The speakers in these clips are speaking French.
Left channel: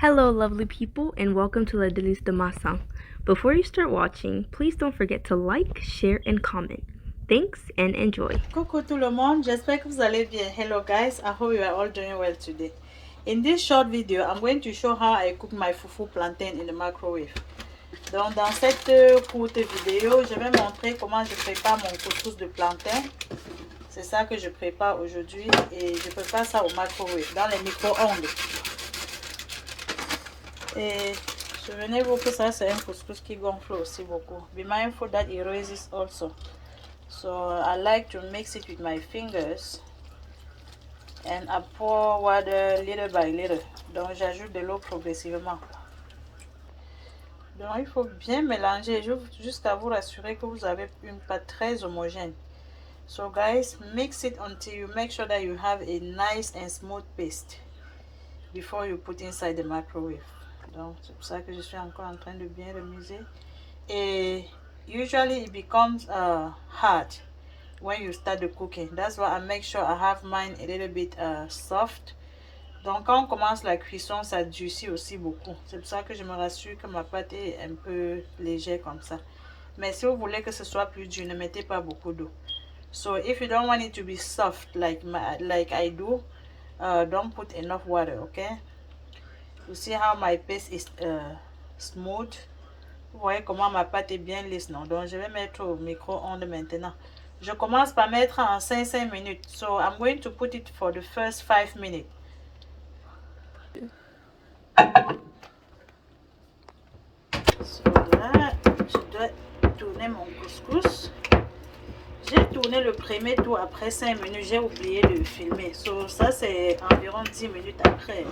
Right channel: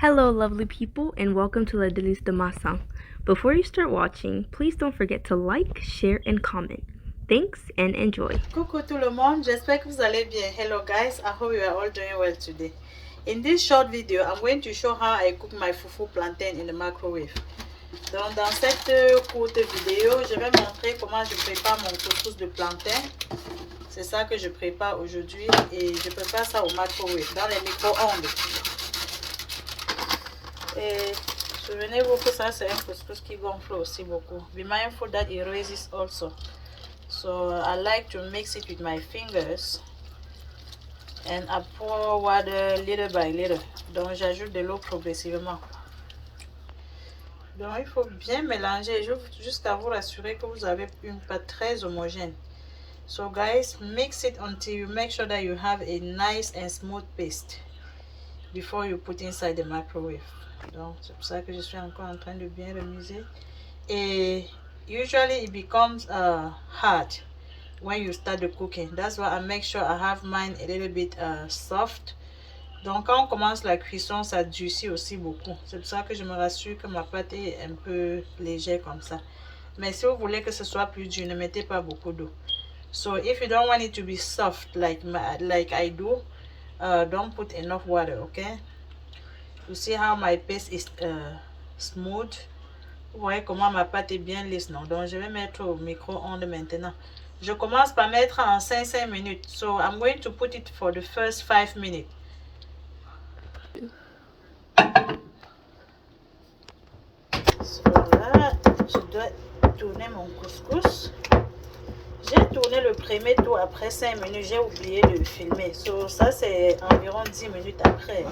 Hello, lovely people, and welcome to La Délice de Massin. Before you start watching, please don't forget to like, share, and comment. Thanks and enjoy. Coucou tout le monde, j'espère que vous allez bien. Hello guys, I hope you are all doing well today. In this short video, I'm going to show how I cook my fufu plantain in the microwave. Donc dans cette courte vidéo, je vais montrer comment je prépare mon couscous de plantain. C'est ça que je prépare aujourd'hui et je prépare ça au microwave, dans les micro-ondes. Et souvenez-vous que ça c'est un couscous qui gonfle aussi beaucoup. Be mindful that it raises also. So I like to mix it with my fingers and I pour water little by little. Donc j'ajoute de l'eau progressivement. Donc il faut bien mélanger jusqu'à vous rassurer que vous avez une pâte très homogène. So guys, mix it until you make sure that you have a nice and smooth paste before you put inside the microwave. Donc c'est pour ça que je suis encore en train de bien remuser. Et usually it becomes hard when you start the cooking. That's why I make sure I have mine a little bit soft. Donc quand on commence la cuisson, ça durcit aussi beaucoup. C'est pour ça que je me rassure que ma pâte est un peu légère comme ça. Mais si vous voulez que ce soit plus dur, ne mettez pas beaucoup d'eau. So if you don't want it to be soft like I do, don't put enough water, okay? You see how my paste is smooth? Vous voyez comment ma pâte est bien lisse, non? Donc je vais mettre au micro-ondes maintenant. Je commence par mettre en 5 minutes. So I'm going to put it for the first 5 minutes. So là, je dois tourner mon couscous. J'ai tourné le premier tour après 5 minutes. J'ai oublié de filmer. So ça c'est environ 10 minutes après.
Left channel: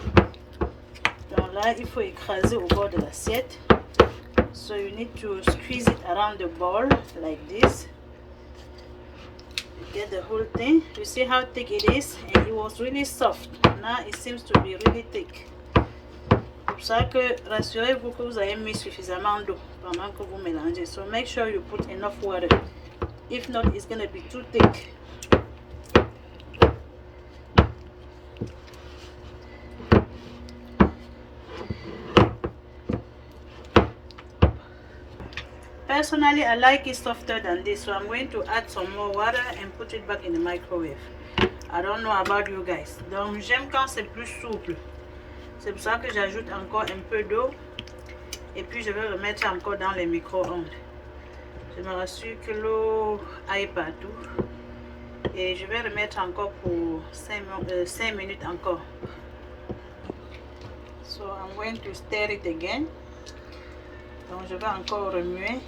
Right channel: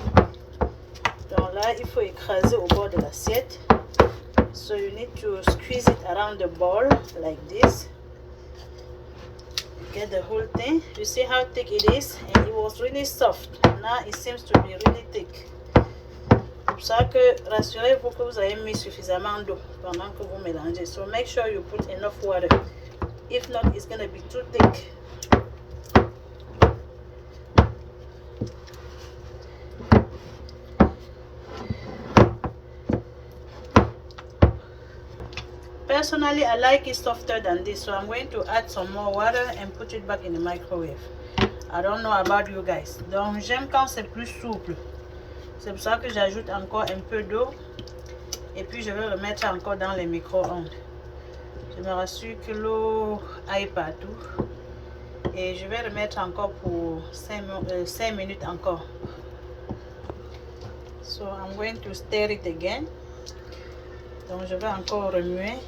Donc là, il faut écraser au bord de l'assiette. So you need to squeeze it around the bowl like this. Get the whole thing. You see how thick it is, and it was really soft. Now it seems to be really thick. C'est pour ça que rassurez-vous que vous avez mis suffisamment d'eau pendant que vous mélangez. So make sure you put enough water. If not, it's gonna be too thick. Personally, I like it softer than this, so I'm going to add some more water and put it back in the microwave. I don't know about you guys. Donc, j'aime quand c'est plus souple. C'est pour ça que j'ajoute encore un peu d'eau. Et puis, je vais remettre encore dans les micro-ondes. Je me rassure que l'eau aille partout. Et je vais remettre encore pour 5 minutes encore. So, I'm going to stir it again. Donc, je vais encore remuer.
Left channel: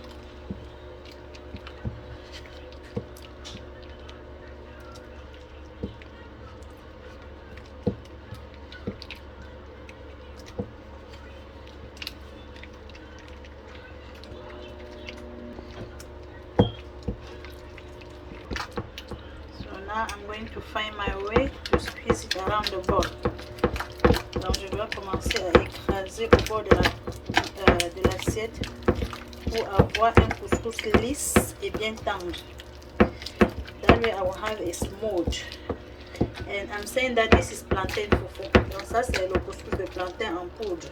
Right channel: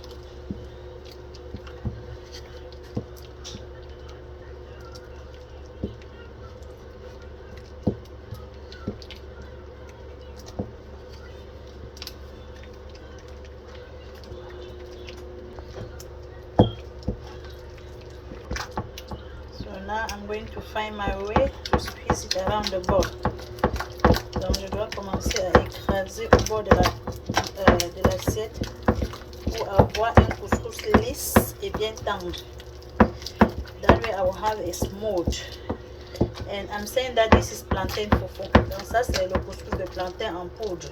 Now I'm going to find my way to squeeze it around the bowl. Donc je dois commencer à écraser au bord de l'assiette pour avoir un couscous lisse et bien tendre. That way I will have a smooth. And I'm saying that this is plantain fufu. Donc ça c'est le couscous de plantain en poudre.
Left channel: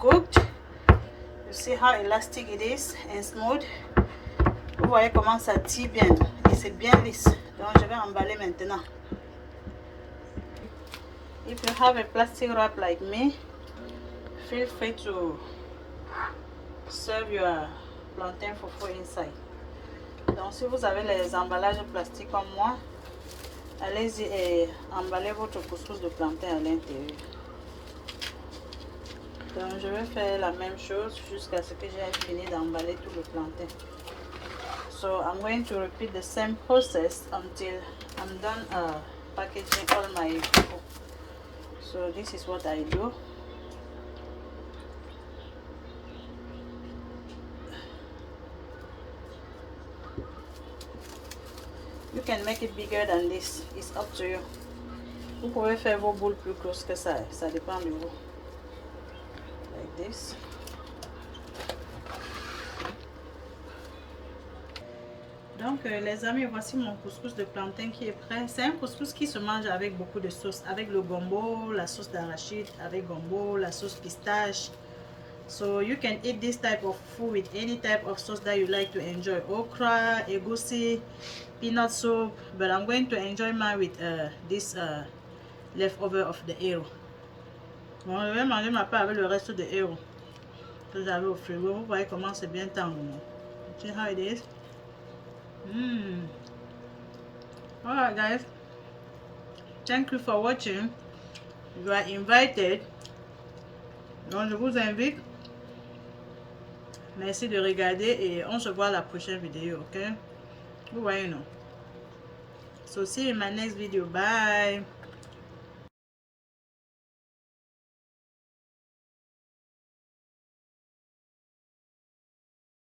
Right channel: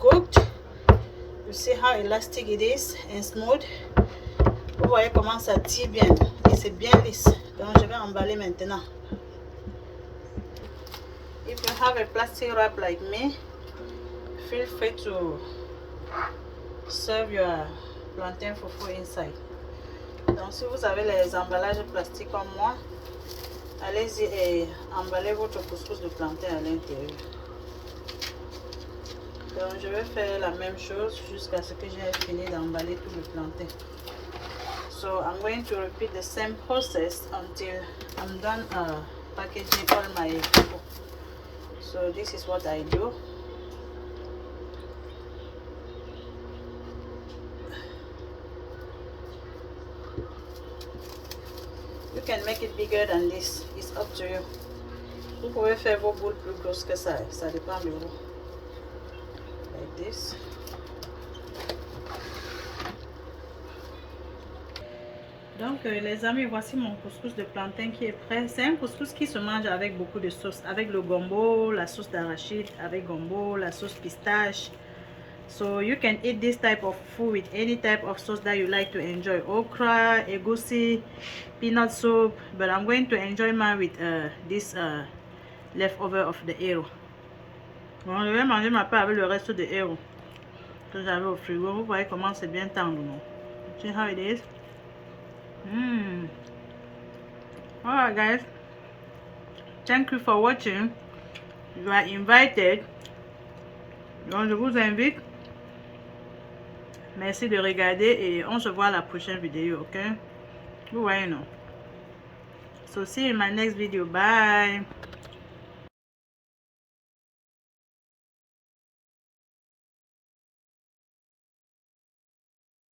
Cooked. You see how elastic it is and smooth. Vous voyez comment ça tire bien et c'est bien lisse. Donc je vais emballer maintenant. If you have a plastic wrap like me, feel free to serve your plantain fufu inside. Donc si vous avez les emballages plastiques comme moi, allez-y et emballez votre couscous de plantain à l'intérieur. Donc je vais faire la même chose jusqu'à ce que j'ai fini d'emballer tout le plantain. So I'm going to repeat the same process until I'm done packaging all my fufu. So this is what I do. You can make it bigger than this, it's up to you. Vous pouvez faire vos boules plus grosses que ça dépend de vous. Like this. Donc les amis, voici mon couscous de plantain qui est prêt. C'est un couscous qui se mange avec beaucoup de sauce, avec le gombo, la sauce d'arachide, avec gombo, la sauce pistache. So you can eat this type of food with any type of sauce that you like to enjoy. Okra, egusi, peanut soup. But I'm going to enjoy mine with this leftover of the héros. Bon, je vais manger ma part avec le reste de héros que j'avais au frigo. Vous voyez comment c'est bien tendre, non? See how it is? Alright guys, thank you for watching. You are invited. Donc je vous invite. Merci de regarder et on se voit à la prochaine vidéo, ok? Vous voyez, non? So see you in my next video. Bye.